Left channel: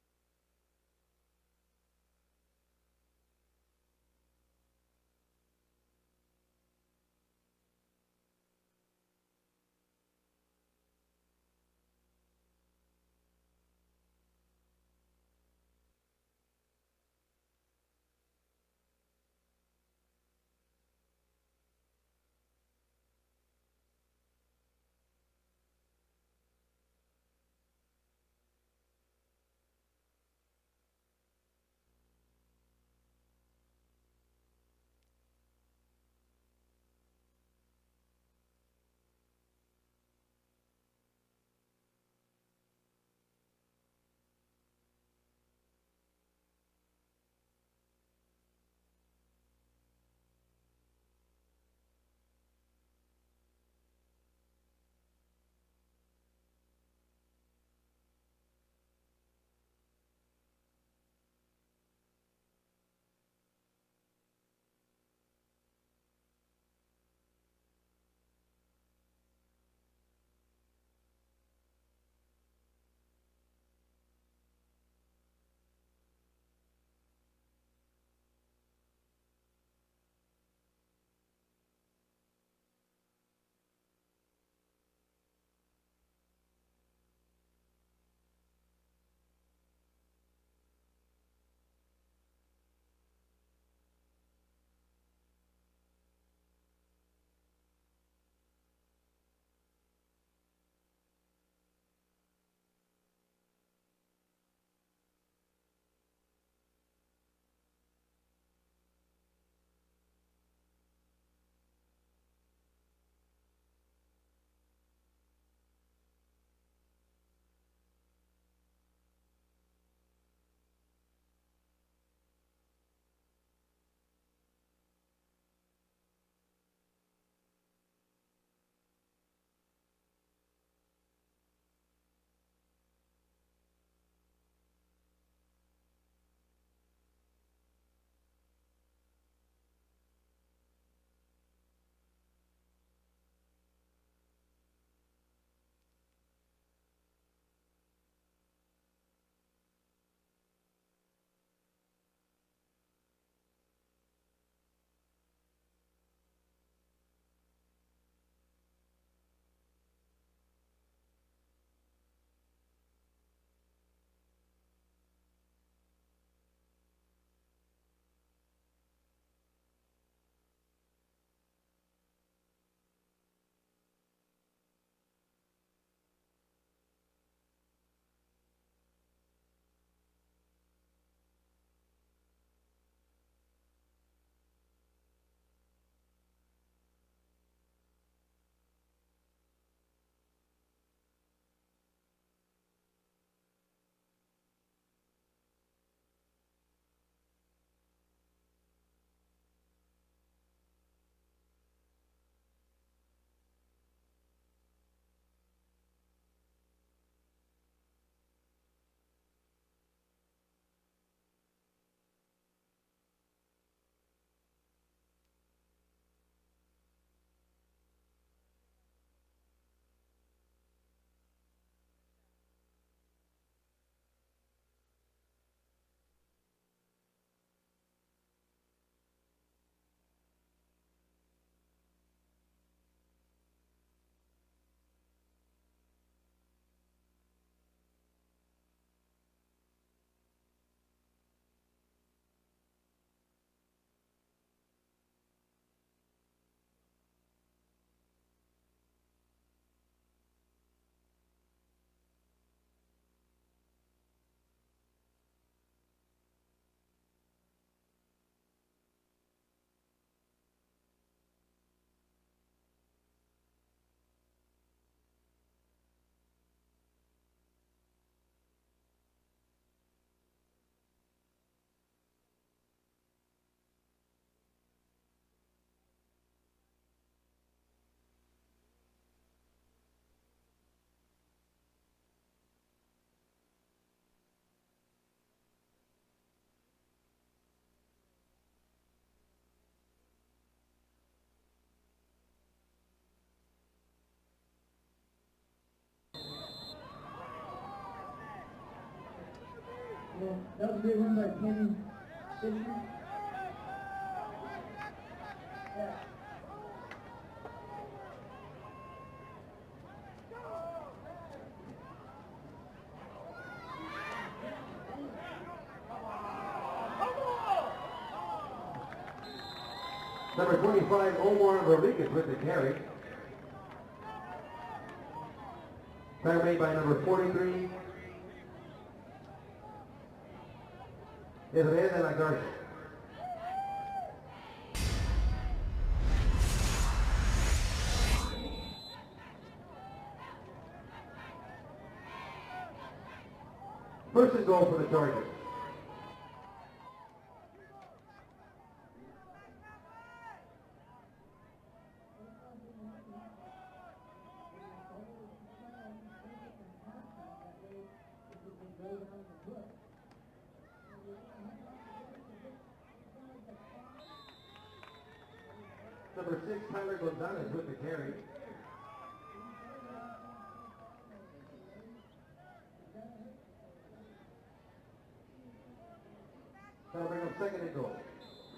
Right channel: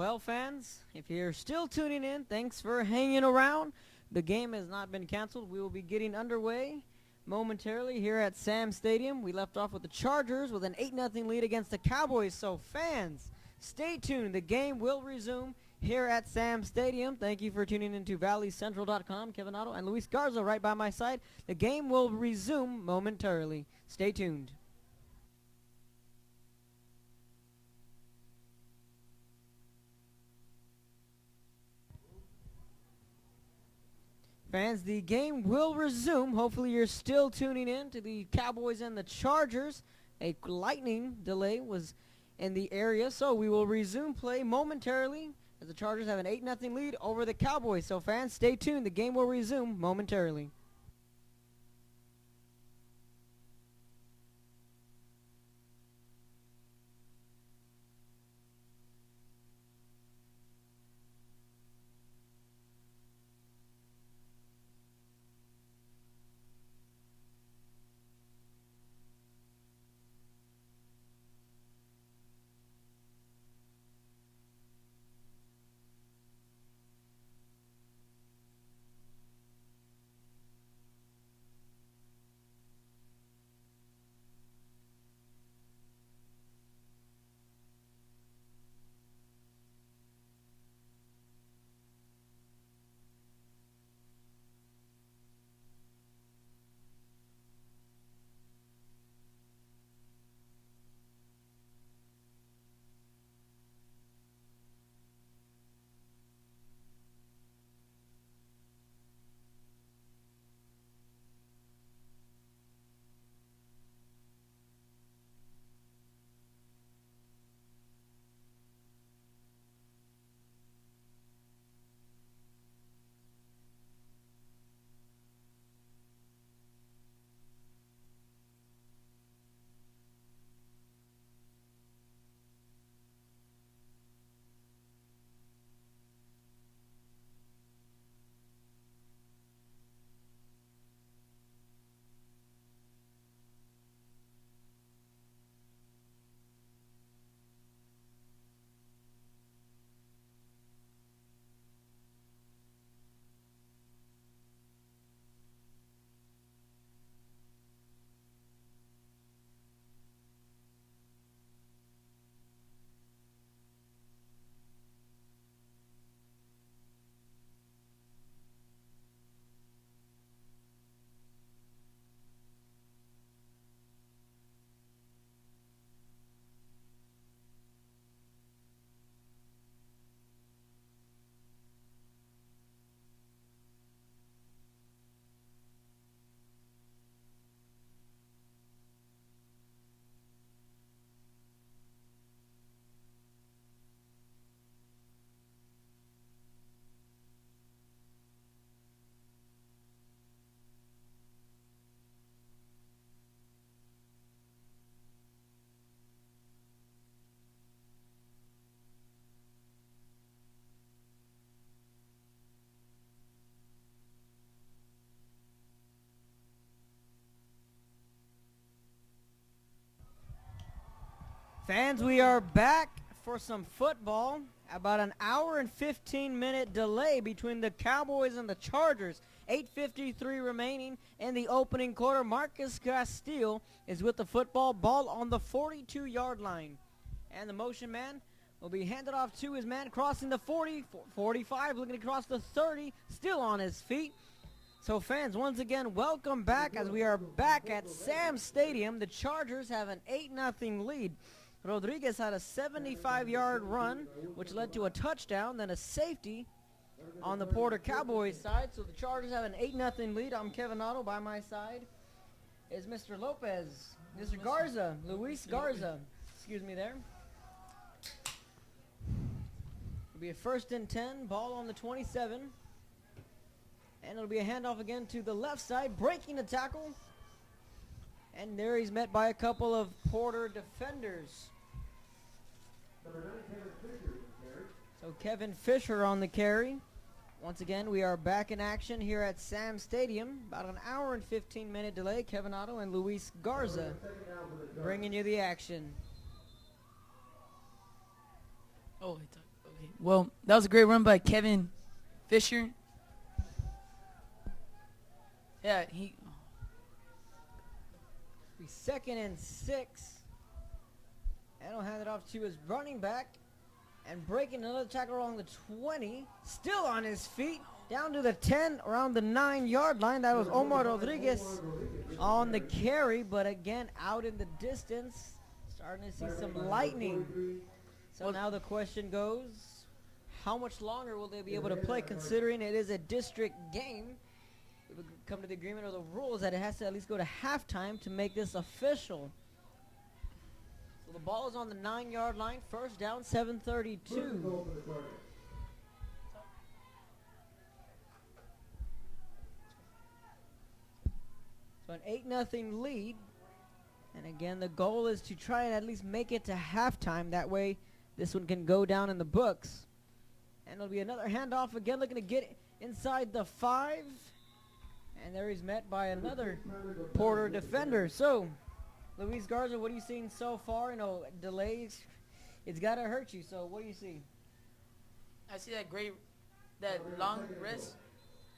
Well, fans, if you're still tuning in, thanks for hanging around. The game has not been canceled. We will be getting underway momentarily here at Sam Stadium. We left off with the Chargers with an 8-0 lead against the Cowboys. So, fans, stay tuned. The game will resume here at Sam Stadium. Thank you for tuning in to ValleyCentral.com. Kevin Otto and Luis Garza right by my side. The game will resume momentarily. Stay tuned. Fans, the game will resume. Hopefully you're still tuning in to the Cowboys and the Chargers. A lightning delay was in the area, so we will resume play momentarily as the Chargers have an 8-0 lead over the Cowboys. So fans, stay tuned. The game will resume momentarily. Fans, we are back for some football. About an hour and 15-minute delay between the Cowboys and the Chargers. 8:53 remaining in the opening quarter. Marcus Castile is with the football, ball on the 42-yard line. And the motion man will be handed off to his man crossing the 40, 45, looking across the 30, still on his feet. So fans, once again, welcome back as we are back at Sam Stadium. The Chargers have an 8-0 lead. Rodriguez had a 75-yard run, which led to a touchdown, then a safety on the Porter Cowboys side. So the Chargers have an 8-0 lead. I'm Kevin Otto. By my side is Mr. Lopez, Mr. Garza, Luis Garza. Excuse me there. It'll be a 1st and 10, ball on the 27. And it'll be a handoff again to the left side, breaking the tackle. And there he's met by a couple of Porter defenders. So Kevin Fisher on the carry. Once again, we are back in action here at Sam Stadium. About an hour and 15-minute delay. Kevin Otto and Luis Garza bringing you the action. Oh, Well, that was a great run by Kevin Fisher. Yeah, Second and 6. And he'll hand it off to his running back. And breaking another tackle around the 20. Still on his feet. Down to the 10, around the 9-yard line. That was Omar Rodriguez on the carry. But again, out in the distance. Starting to see some lightning. So now the question goes, how much longer will they be able to play, considering it is a district game? Come to the agreement of the rules that it has to at least go to halftime to make this official. So the ball is on the 9-yard line. First down, 7:32. First and goal for the Chargers. So an 8-0 lead. And again, the goal is to try and at least make it to halftime. That way, this one can go down in the books. And it'll be another handoff again, looking to get inside the 5. And there he's met by another Porter defender. So, Luis Garza, what are you seeing so far? You know, delays, it's got to hurt you. So, what do you see? I see that long rest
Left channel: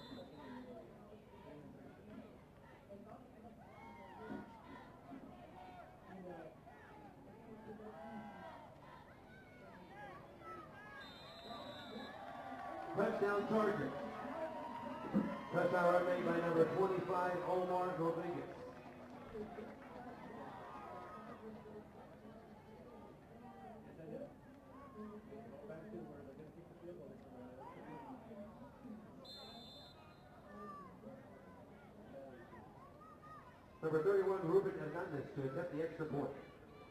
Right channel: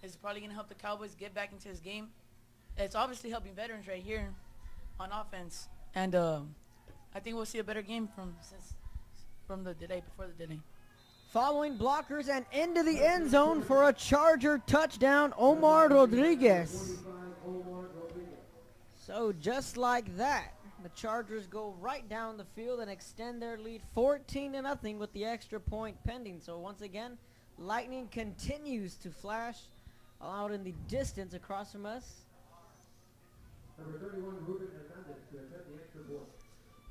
is probably going to help the Cowboys get back into this game. It's obviously helping veterans right here on offense. And I think we'll see a better game from the delay, before the delay. Following blockers and into the end zone for a Charger touchdown, Omar Rodriguez. So just like that, the Chargers go right down the field and extend their lead 14-0 with the extra point pending. So once again, lightning continues to flash out in the distance across from us. Number 31, Ruben Hernandez, to accept the extra point.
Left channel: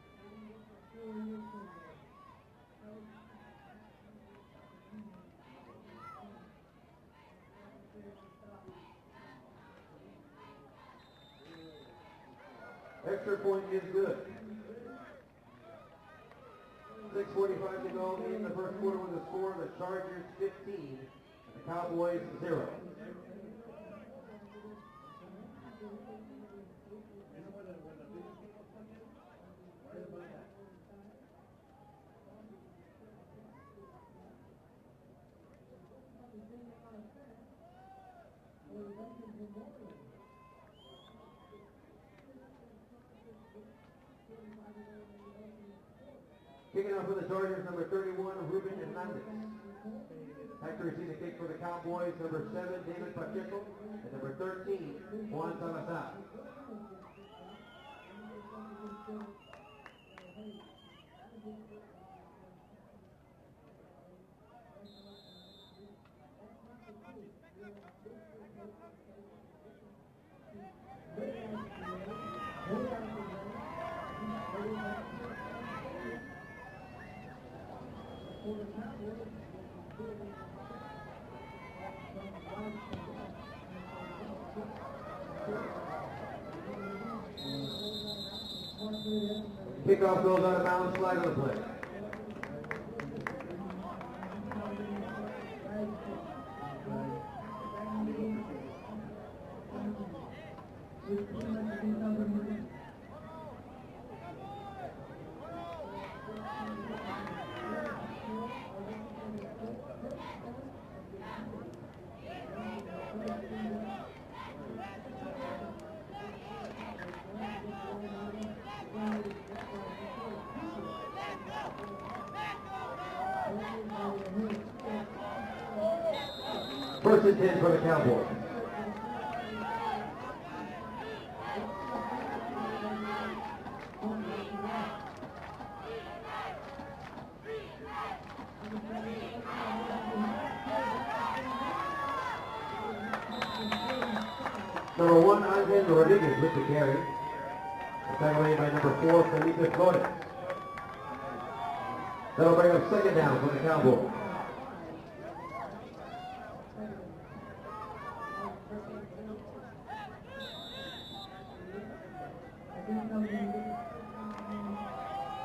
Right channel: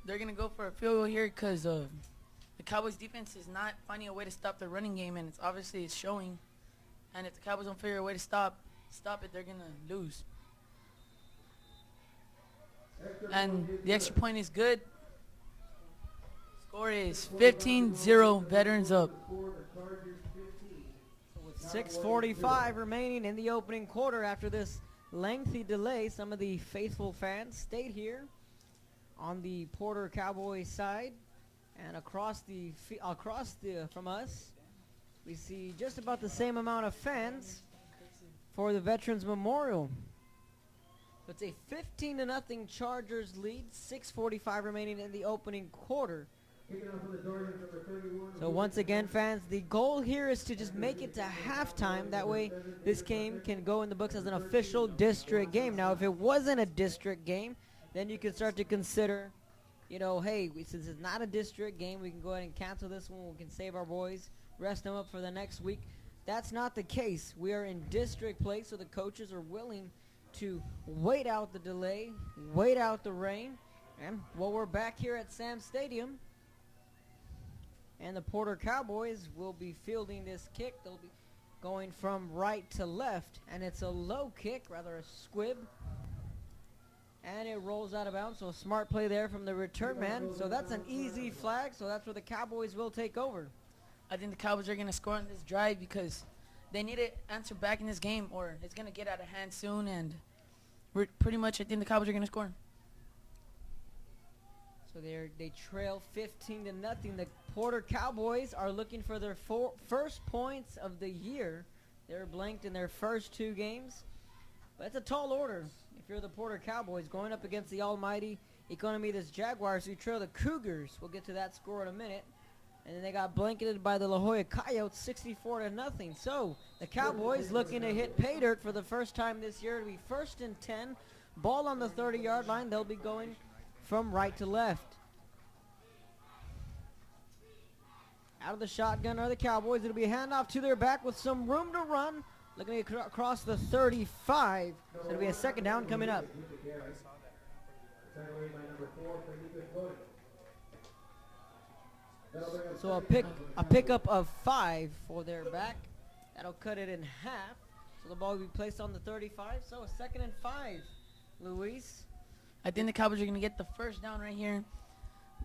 They're going to go for a field goal here because the Cowboys defense is not finding a way to stop the running game, and it's showing. And if the Cowboys don't figure a way to stop it, they're going to lose. And the extra point is good. Score is 15-0, veterans up. 6:45 remaining in the opening quarter after this lengthy delay. Some of the faithful fans stayed here on the Porter Cowboys side. And across from us, we see just about the same amount of fans for the Veterans Memorial. It's a 15-0 Chargers lead. 6:45 remaining in the opening quarter. So once again, fans, the goal here is to just make it to halftime. That way, this game can go in the books as an official district game. Now, if it wasn't a district game, then you can start to consider, you know, hey, since it's not a district game, we can go ahead and cancel this one. We can save our boys, rest them up for the next week. That's not the case. We are in district play, so the coaches are willing to wait out the delay, wait out the rain. And well, we're back here at Sam Stadium. And the Porter Cowboys will be fielding this kick, going from right to left. And it's a low kick, or a squib. And it rolls out of bounds, so smart play there from the return man. So that's an easy flag, so that's where the Cowboys will take over. I think the Cowboys are going to score on this drive because they need an answer back in this game, or it's going to get out of hand soon, and we're pretty much, I think the Cowboys are going to score. So they trail 15-0. The Porter Cowboys are looking for their first points of the year. They're blanked in their first 2 games. That's a tall order. If you're the Porter Cowboys going up against the almighty Economidis Jaguars, who trail the Cougars. We'll get to that score in a minute. And they got blanketed by the La Jolla Coyotes, 64-0. So the Cowboys looking to get pay dirt for the first time this year. First and 10, ball on the 30-yard line. They'll be going from right to left. Out of the shotgun of the Cowboys will be handoff to their back with some room to run. Across the 35. Number 1, Andre Rodriguez with the carry. Tackled by number 4, Felipe Flores. That'll bring us second down for the Cowboys. A pickup of 5 for their back. That'll cut it in half. The ball will be placed on the 35, so second and 5. Luis? I think the Cowboys are going to get the first down right here.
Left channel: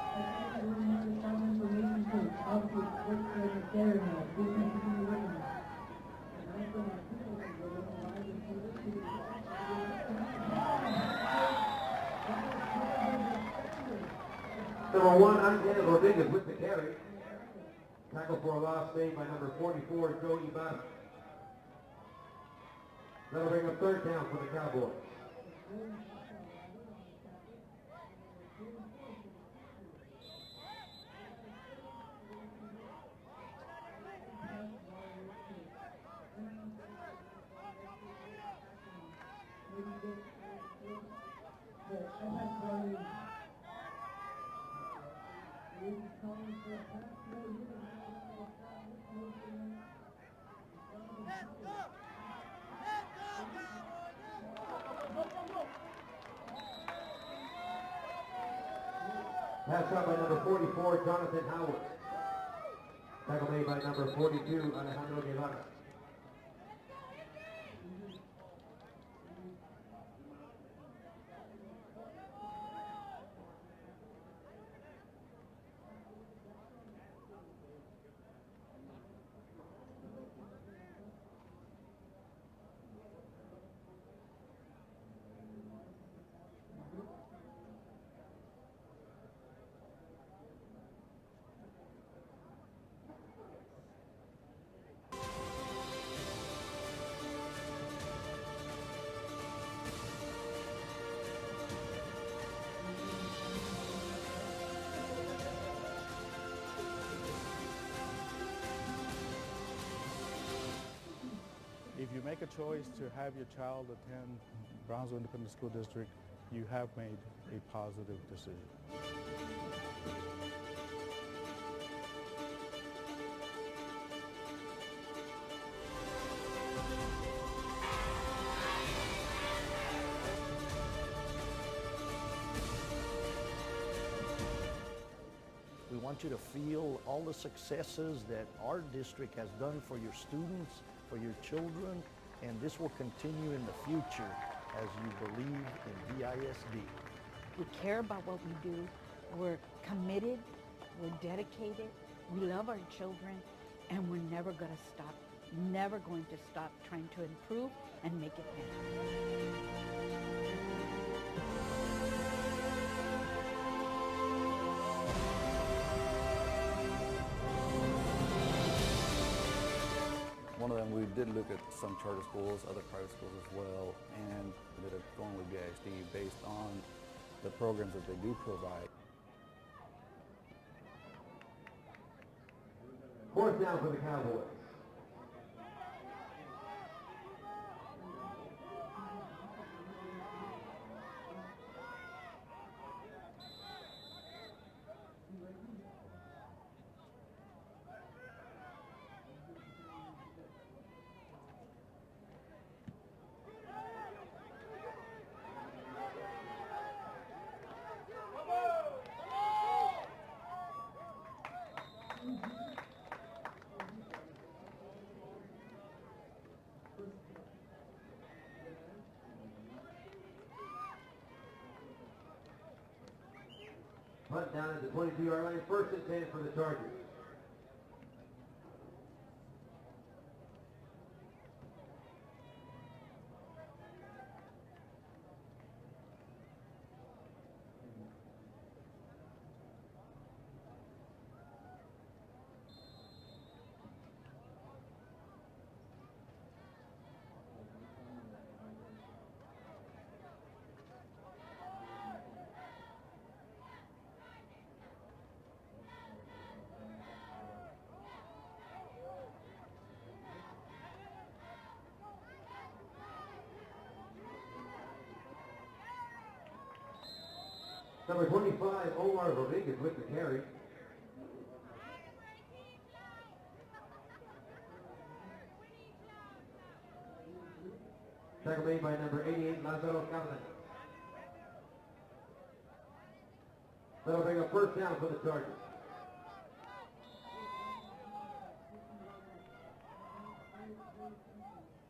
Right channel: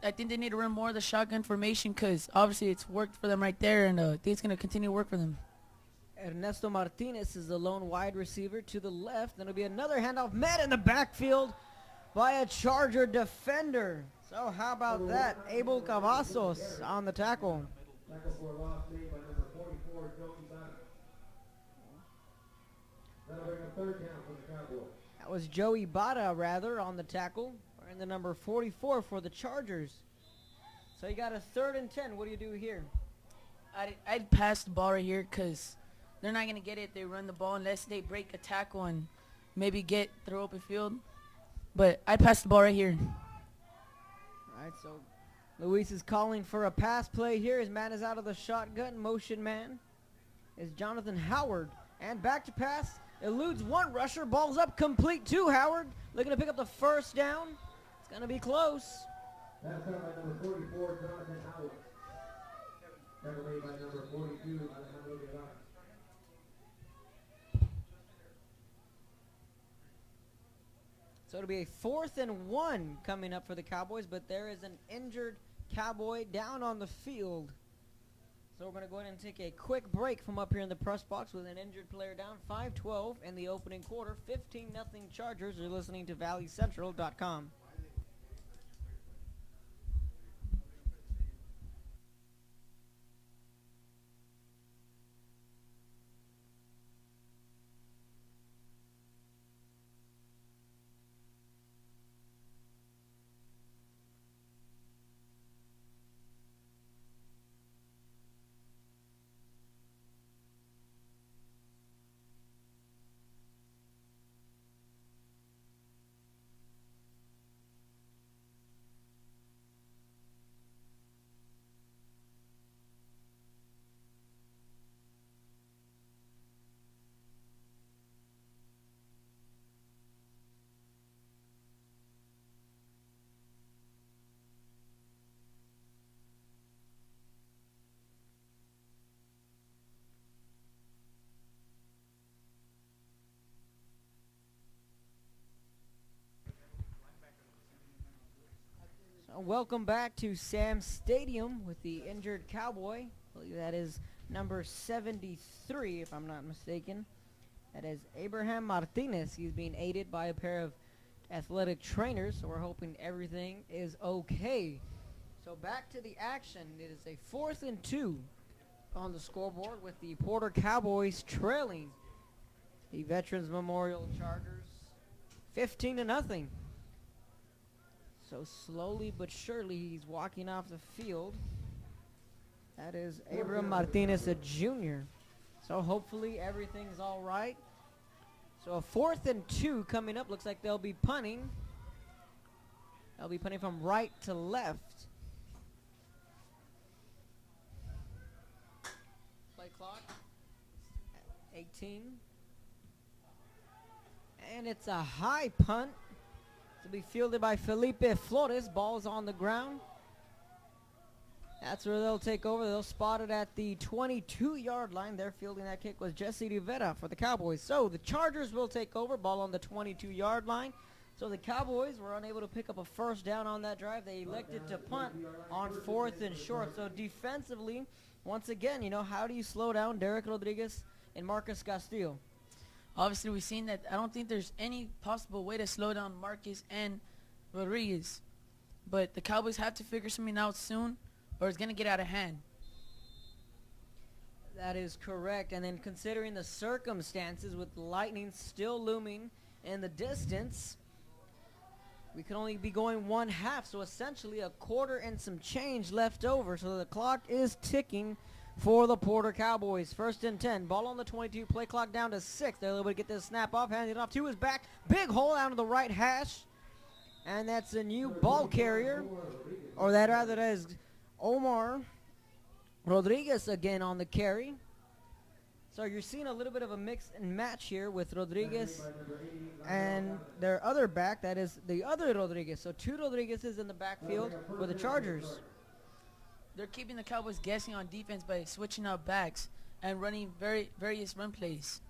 I think they need to run more of the shotgun formation because obviously it's worked for them right there, and I think it's going to continue to work for them. Ernesto Martinez is the lone wide receiver to the left. It'll be another handoff met in the backfield by a Charger defender. So how about that? Abel Cavazos on the tackle. Tackle for a loss made by number 44, Joe Ibarra. That'll bring up third down for the Cowboys. That was Joey Bada, rather, on the tackle. And the number 44 for the Chargers. So you got a 3rd and 10. What do you do here? I'd pass the ball right here because they're not going to get it. They run the ball unless they break a tackle and maybe get through open field. But I'd pass the ball right here. All right, so Luis is calling for a pass play here. His man is out of the shotgun. Motion man is Jonathan Howard. And back to pass. Eludes one rusher. Ball's up complete to Howard. Looking to pick up the first down. It's going to be close. Pass out by number 44, Jonathan Howard. Tackle made by number 42, Alejandro Guevara. So it'll be a 4th and 1 coming up for the Cowboys, but there is an injured Cowboy down on the field. So we're going to go ahead and take a quick break from up here in the press box with an injured player down. 5-12 in the opening quarter. 15-0 Chargers. You're listening to ValleyCentral.com. If you make a choice to have your child attend Brownsville Independent School District, you have made a positive decision. We want you to feel all the successes that our district has done for your students, for your children, and this will continue in the future as you believe in VISD. We care about what we do. We're Welcome back to committed, Sam we're Stadium with the dedicated, injured we love our Cowboy. children, That is and we're never number gonna stop. 73, Never if I'm going not to stop mistaken. trying to improve. That is and make it Abraham better. Martinez. He's being aided by a pair of athletic trainers. We're hoping everything is okay. Back to the action. 4th and 2. Porter Cowboys We did look at trailing. some charter schools, other The private Veterans schools as well, Memorial and Charter. ended up going with 15 to VISD nothing. based on the programs that they do So provide. slowly but surely he's walking off the field. That is Abraham Martinez, a junior. So hopefully everything's all right. So a 4th and 2 coming up. Looks like they'll be punting. They'll be punting from right to left. Play clock. 18. And it's a high punt. To be fielded by Felipe Flores. Ball's on the ground. That's where they'll take over. They'll spot it at the 22-yard line. Their fielding that kick was Jesse Rivera for the Cowboys. So the Chargers will take over. Ball on the 22-yard line. So the Cowboys were unable to pick up a first down on that drive. They elected to punt on 4th and short. So defensively, once again, you know, how do you slow down Derek Rodriguez and Marcus Castillo? Obviously, we've seen that. I don't think there's any possible way to slow down Marcus and Rodriguez. But the Cowboys have to figure something out soon, or it's going to get out of hand. That is correct. And then considering the circumstances with lightning still looming in the distance, we can only be going 1/2. So essentially a quarter and some change left over. So the clock is ticking for the Porter Cowboys. 1st and 10. Ball on the 22. Play clock down to 6. They're able to get this snap off. Hand it off to his back. Big hole out of the right hash. And that's a new ball carrier. Or that rather that is Omar Rodriguez again on the carry. So you're seeing a little bit of a mix and match here with Rodriguez and their other back, that is the other Rodriguez. So 2 Rodriguez's in the backfield for the Chargers. They're keeping the Cowboys guessing on defense by switching out backs and running various run plays.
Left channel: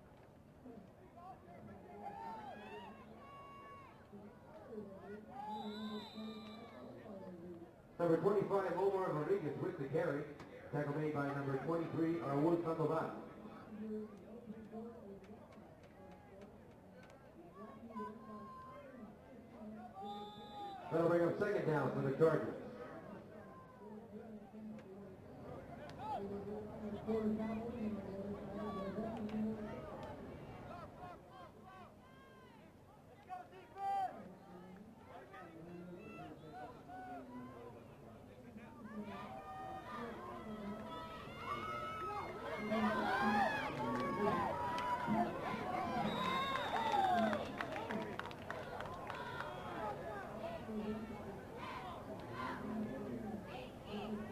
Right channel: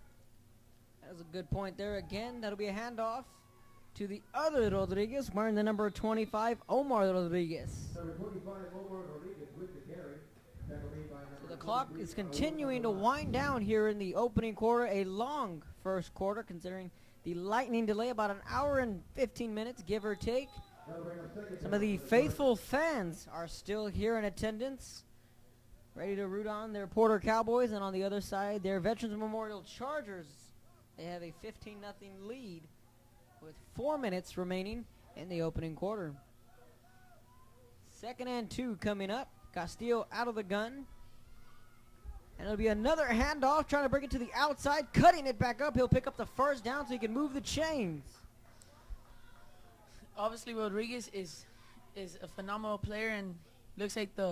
That's a good point there again. That'll be a handoff to the other Rodriguez, wearing the number 25, Omar Rodriguez. Number 25, Omar Rodriguez with the carry. Tackle made by number The clock is 23, continuing to Raul wind down here in the opening quarter. A long first quarter, considering the lightning delay, about an hour and 15 minutes, give or take. That'll bring up second Some of down the for the faithful Chargers. fans are still here in attendance. ready to root on their Porter Cowboys, and on the other side, their Veterans Memorial Chargers. They have a 15-0 lead with 4 minutes remaining in the opening quarter. 2nd and 2 coming up. Castillo out of the gun. And it'll be another handoff, trying to bring it to the outside, cutting it back up. He'll pick up the first down so he can move the chains. Obviously, Rodriguez is a phenomenal player, and looks like the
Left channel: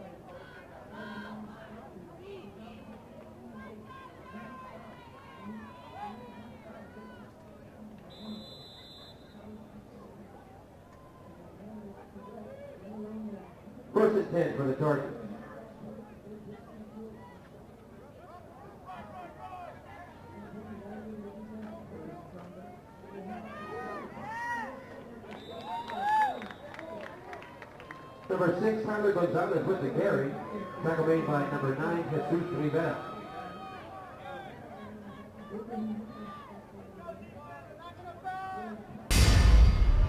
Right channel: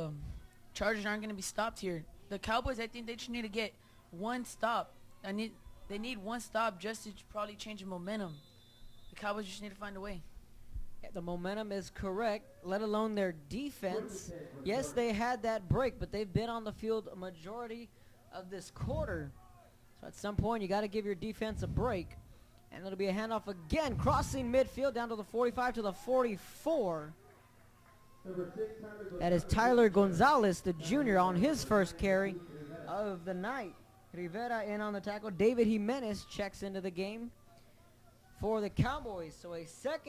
Chargers aren't going to be stopped here. The Cowboys, I think they just need to get one stop. They need one stop just to probably change the momentum. The Cowboys just need to find a way. The momentum is correct, let alone their defense. 1st and 10 for the Yes, Chargers. they had that break, but they've been on the field a majority of this quarter. At some point, you got to give your defense a break. And it'll be a handoff again, crossing midfield down to the 45 to the 44. Number 6, Tyler That Gonzalez. is Tyler with the carry. Gonzalez, the Tackle junior, made on by his number first 9, carry Jesus Rivera. of the night. Rivera in on the tackle. David Jimenez checks into the game for the Cowboys. 2nd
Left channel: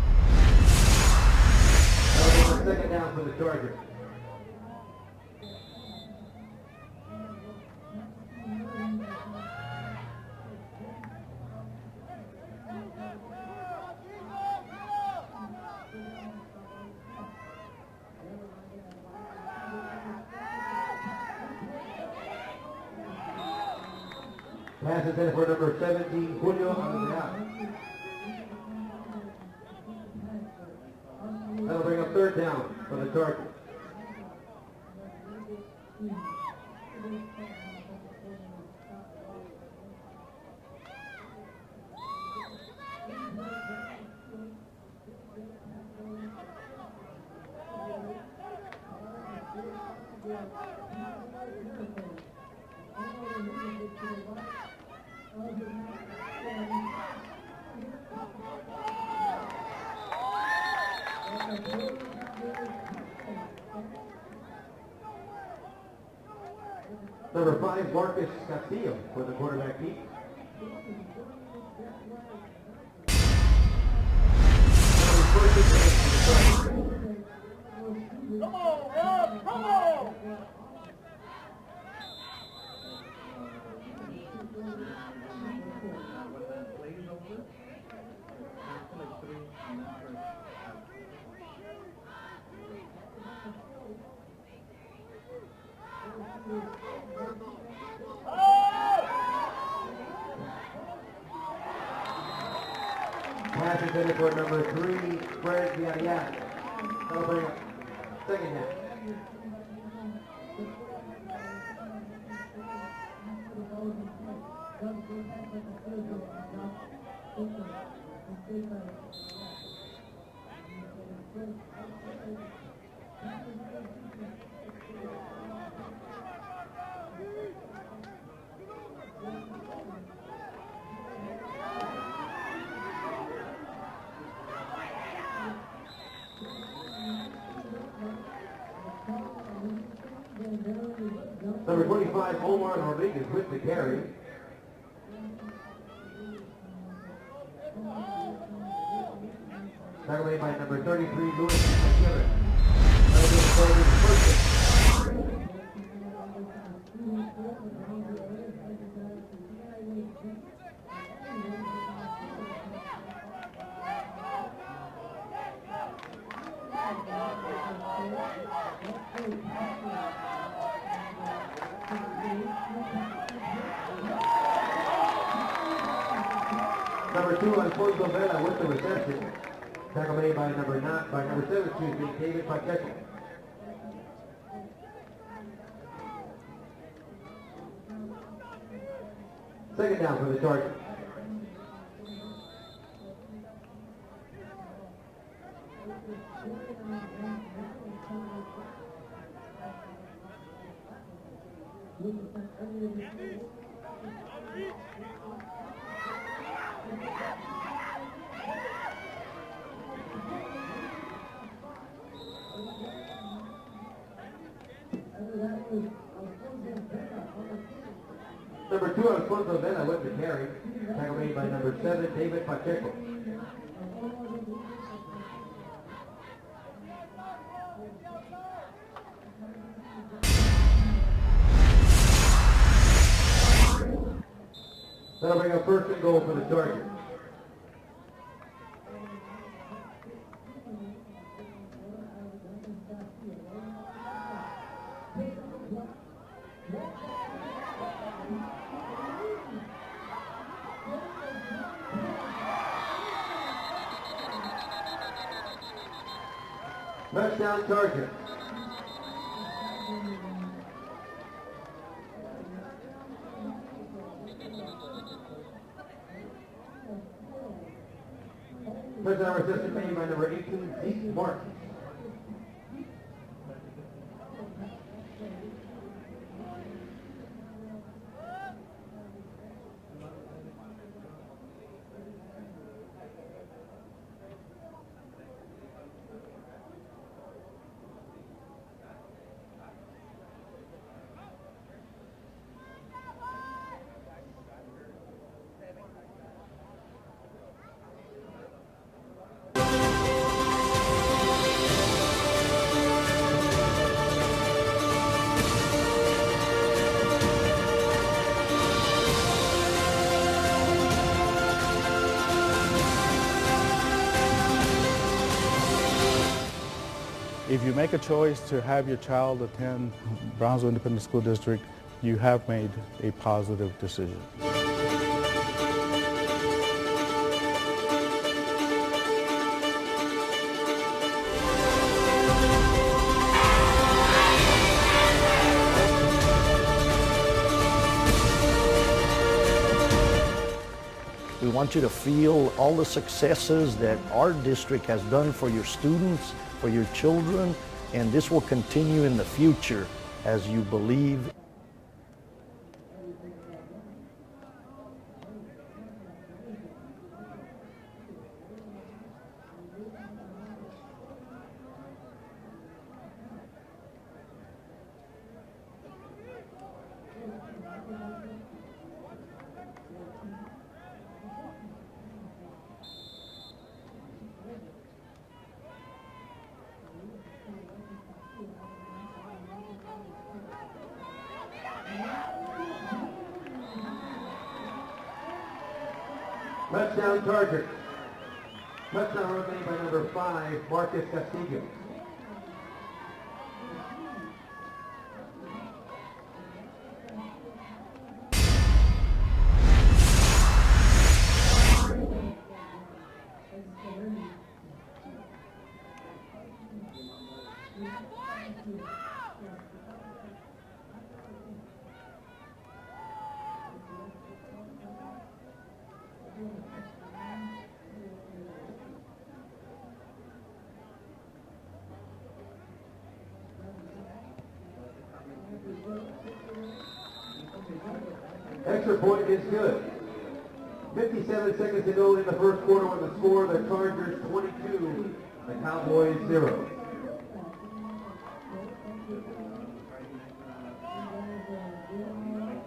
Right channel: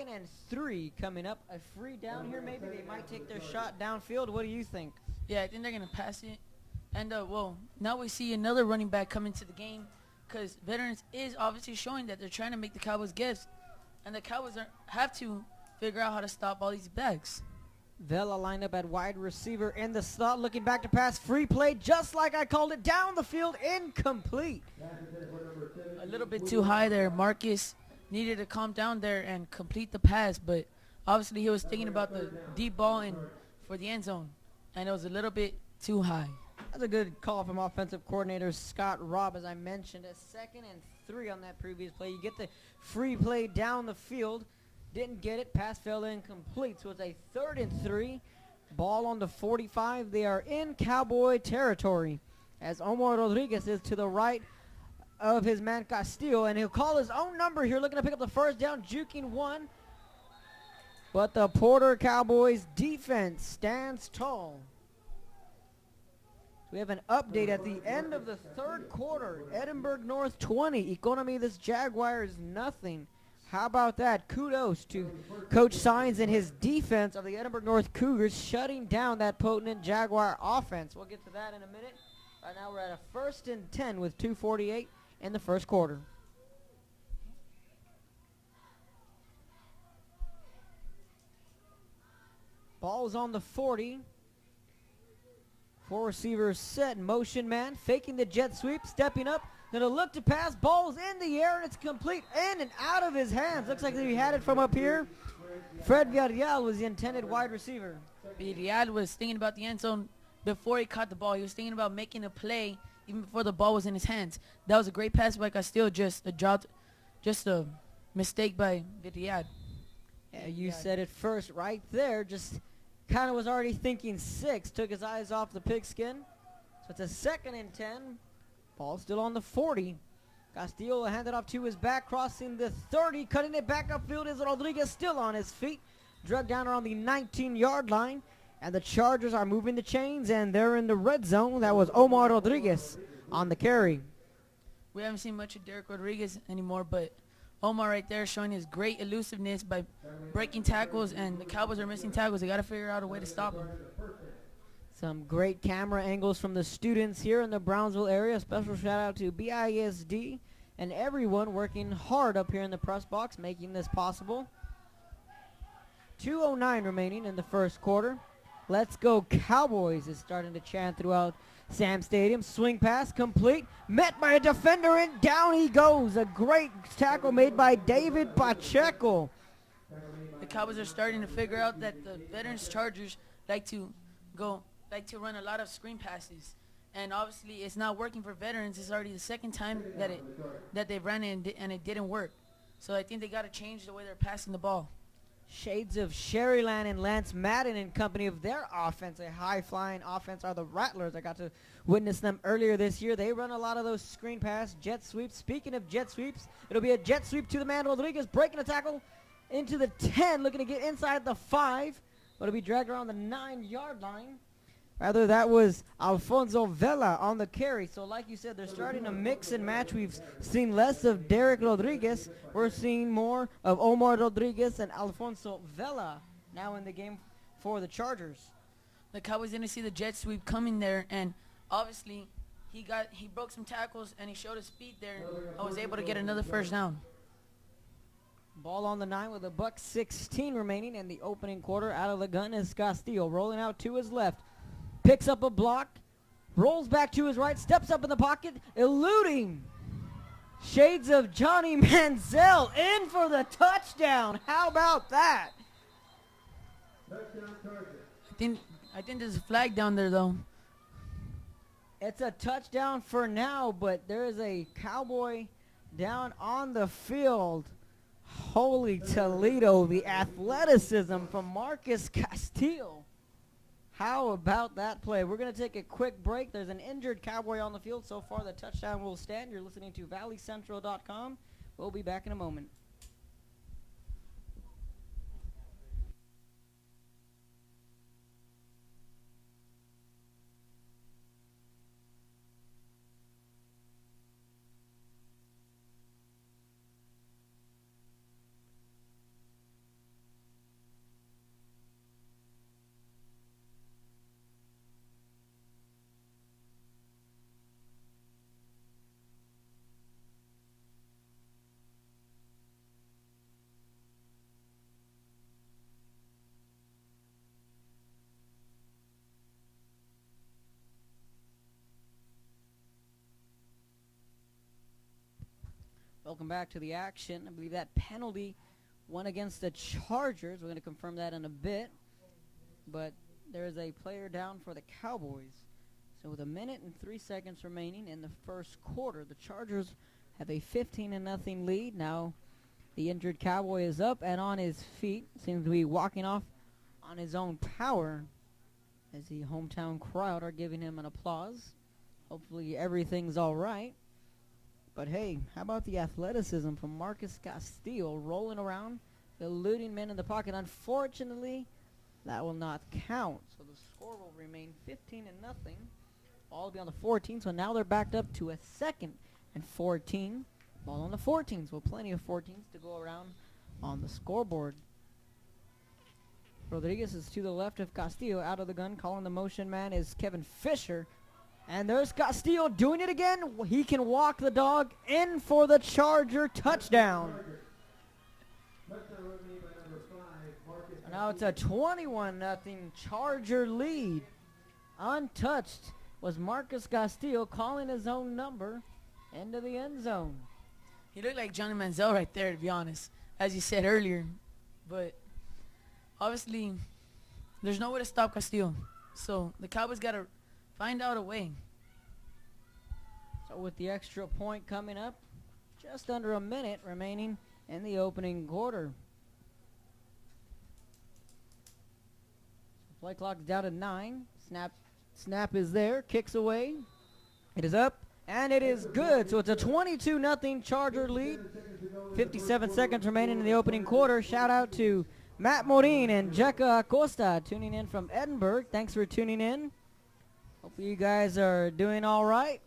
Second down for the and Chargers. shot downfield. What do you think? Yeah, I think they're going to pass it. And, well, now we see another running back come into the game, because Veterans is obviously showing that they're trying to make the Cowboys gifts. And the Cowboys have to figure out how to stop all these backs. Vela lined up at wide receiver in the slot, looking back to pass, free play, just like I called it, down the field, incomplete. Pass is in for number 17. A little bit too high there. Marcus needed to calm down there and complete the pass, but obviously he was thinking about the deep ball in for the end zone, and it was a little bit too high. That's a good call from offensive coordinator Scott Robb, as I mentioned. A 2nd and 3 on that previous play. You get the free play down the field. Didn't get it. Pass fell incomplete. So it's a 3rd and 3. Ball on the 45. They are in Cowboy territory, as Omar Rodriguez is to the right of his man Castillo, and he'll call his own number here, looking to pick up the first down, juking one. But the Porter Cowboys defense stands tall. We have an update at the Number 5, end of Marcus the 3rd Castillo for the quarter. quarterback Edinburgh keep. North 20. Economy, this Jaguar is nothing. How about that? Kudos. Coach Sines and the defense of the Edinburgh North Cougars shutting down that potent Jaguar offense. We'll get to that in a minute. Right now we're at a 1st and 10 with 2:48 in the first quarter. Ball's on the 40. 4 receivers set, motion man, faking the jet sweep, stepping up, gonna look to pass, ball's in the air, and it's complete, in and out of his hands. Looks like he had it from up here. Fred Gabriel was the intended wide receiver. Diad was thinking about the end zone before he caught the ball. He was thinking about making a play even before the ball was in his hands. That was a great pass by Castillo, just a mistake by Diad. Yeah, you said it first right there, just kind of was already thinking 6, took his eyes off the pigskin. It's a 2nd and 10. Ball still on the 40. Castillo will hand it off to his back, crossing the 30, cutting it back upfield is Rodriguez still on his feet. Drugged down around the 19-yard line. And the Chargers are moving the chains, and they're in the red zone. That was Omar Rodriguez on the carry. We haven't seen much of Derek Rodriguez anymore, but Omar right there showing his great elusiveness by breaking tackles and covering tackles. They got to figure out. Great camera angles from the students here in the Brownsville area. Special shout out to BISD and everyone working hard up here in the press box, making this possible. 2:09 remaining in the first quarter. Let's go Cowboys is starting to chant throughout Sam Stadium. Swing pass complete, met by a defender, and down he goes. A great tackle made by David Pacheco. Cowboys are starting to figure out that Veterans Chargers like to run a lot of screen passes. And obviously it's not working for Veterans. It's already the 2nd time that they ran it and it didn't work. So I think they got to change the way they're passing the ball. Shades of Sherryland and Lance Madden in company of their offense, a high-flying offense, are the Rattlers. I got to witness them earlier this year. They run a lot of those screen pass, jet sweeps. Speaking of jet sweeps, it'll be a jet sweep to the man Rodriguez, breaking the tackle into the 10, looking to get inside the 5. It'll be dragged around the 9-yard line. Rather, that was Alfonso Vela on the carry. So like you said, they're starting to mix and match. We've seen less of Derek Rodriguez. We're seeing more of Omar Rodriguez and Alfonso Vela now in the game for the Chargers. The Cowboys didn't see the Jets coming there, and tackles and he showed his feet there. That'll bring And up was first able to and get goal for another the first Chargers. down. Ball on the 9 with a buck 16 remaining in the opening quarter. Out of the gun is Castillo, rolling out to his left. Picks up a block, rolls back to his right, steps up in the pocket, eluding shades of Johnny Manziel, in for the touchdown. How about that? Touchdown Chargers. I think there's a flag down there though. It's a touchdown for now, but there's a Cowboy down on the field. Holy Toledo, the athleticism from Marcus Castillo. How about that play? We're going to take a quick break. There's an injured Cowboy on the field. So far, the touchdown will stand. You're listening to valleycentral.com. We'll be back in a moment. If you make a choice to have your child attend Brownsville Independent School District, you have made a positive decision. We want you to feel all the successes that our district has done for your students, for your children, and this will continue in the future as you believe. Hopefully everything's all right. But hey, how about the athleticism from Marcus Castillo rolling around, eluding men in the pocket? Unfortunately, that will not count. Score will remain 15-0. Ball will be on the 14, so now they're backed up to a 2nd and 14. Ball on the 14s, with plenty of 14s to go around on the scoreboard. Rodriguez is to the left of Castillo, out of the gun. Calling the motion man is Kevin Fisher. And there's Castillo doing it again. He can walk the dog in for the Charger touchdown. Chargers. Touchdown run made by number 5, Marcus Now it's a Castillo. 21-0 Charger lead. Untouched was Marcus Castillo calling his own Manziel right there, to be honest, as you said earlier. But obviously, there's no way to stop Castillo. So the Cowboys got to find out a way. So with the extra point coming up, just under a minute remaining in the opening quarter. Play clock's down to 9. Snap is there, kicks away. It is up, and it is good. So it's a 22-0 Charger lead. 57 seconds remaining in the opening quarter. Shout out to Matt Morin and Jekka Acosta tuning in from Edinburgh. Thanks for tuning in. You guys are doing all right.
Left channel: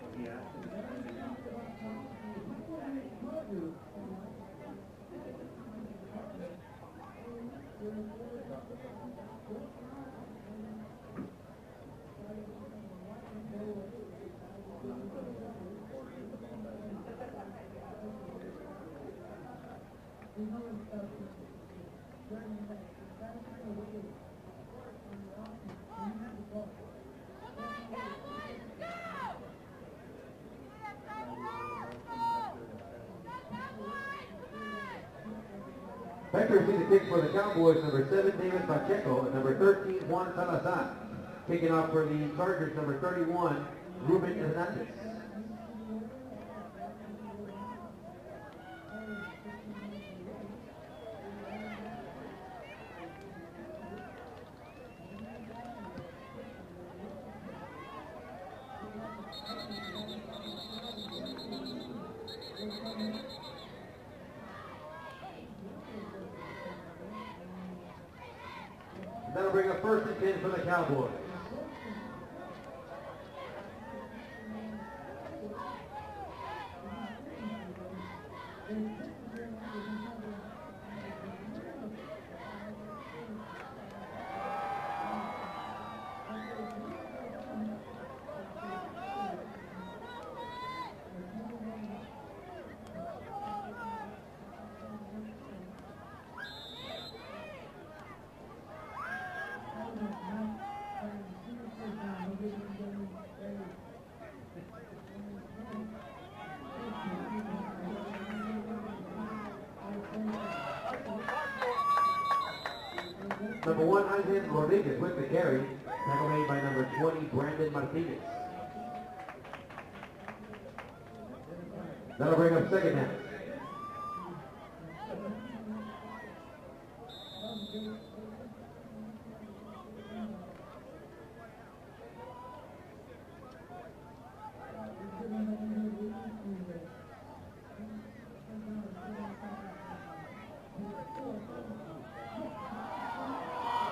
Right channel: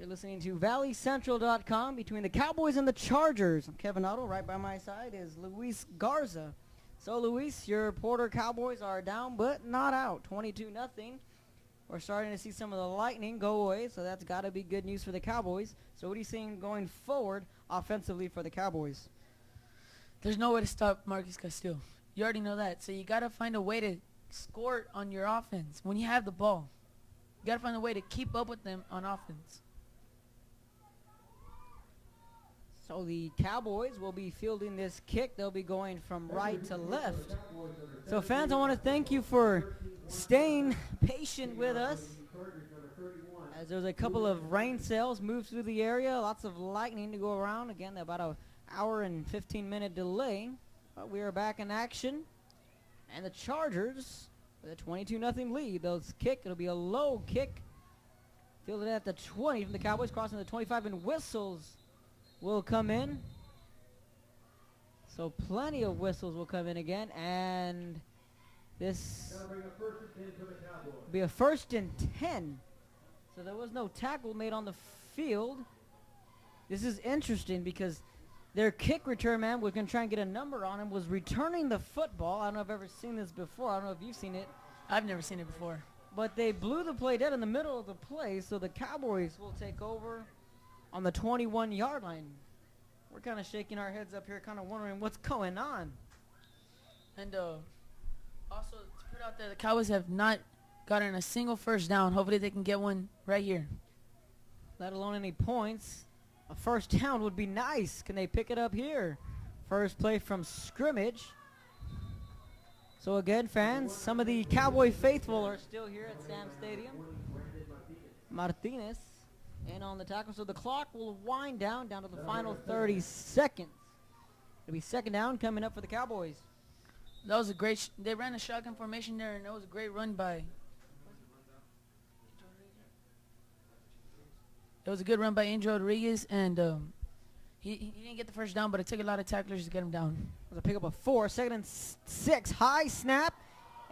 You're listening to valleycentral.com. Between the Cowboys and the Chargers, Kevin Otto, right by my side, is Luis Garza. So, Luis, your reporter Cowboys are down, but not out. 22-0. We're starting to see some of the lightning go away, so that's got to be good news for the Cowboys. So what are you seeing going forward offensively for the Cowboys? There's no way to stop Marcus Castillo. You already know that. So you got to find a way to score on your offense when you have the ball. You got to find a way to keep up with them on offense. So the Cowboys will be fielding this kick. They'll be going from Back right to to the kick for left. the Cowboys, number So 17. fans, I want to thank you for staying patient with Taking off for us. the Chargers, number 31. There's a couple of rain cells moved through the area, lots of lightning to go around. Again, about an hour and 15-minute delay. But we are back in action. And the Chargers, the 22-0 lead. Those kick, it'll be a low kick. Fielded at the 20. The Cowboys crossing the 25, and whistles will come in. So plenty of whistles will come in again. And this That'll bring up 1st and 10 for the Cowboys. will be a 1st and 10. So there was no tackle made on the field. This is interesting because their kick return man, we can try and get a number on him, was returning the football. I don't know if I've ever seen this before. I don't know if you've seen it. I've never seen it before. but they blew the play dead in the middle of the play, so the Cowboys will take over on the 21-yard line. We're kind of shaking our heads up here, kind of wondering what's going on. And also, it turns out the Cowboys have not gotten a single first down. Hopefully they can get one right here. Let alone any points. A first down would be nice. Can they pick it up here? First play from scrimmage. So again, fans, some of the Cowboy faithful are still here. Tackle made by number 20, Brandon Martinez. Martinez in on the tackle, so the clock will wind down to the That'll bring final up second 30 down. seconds. It'll be second down coming up for the Cowboys. That was a great. They ran a shotgun formation there, and it was a great run by. It was a good run by Angel Rodriguez, and he didn't get the first down, but it took a lot of tacklers to get him down. They'll pick up a 4, 2nd and 6, high snap,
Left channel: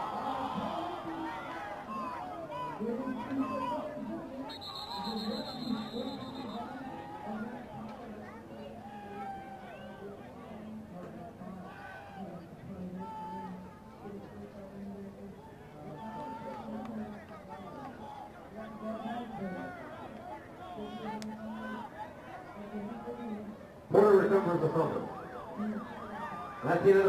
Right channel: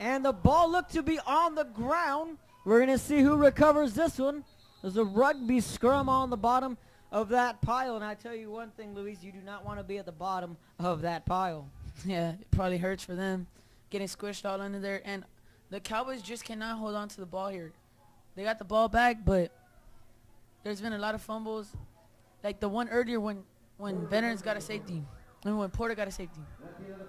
and the ball looked to be on the ground. We're going to see who recovers this one. There's a rugby scrum on the bottom of that pile, and I tell you one thing, Luis, you do not want to be at the bottom of that pile. Yeah, it probably hurts for them, getting squished all under there, and the Cowboys just cannot hold on to the ball here. They got the ball back, but there's been a lot of fumbles, like the one earlier when Veterans got a safety, and when Porter got a safety. That's the end of the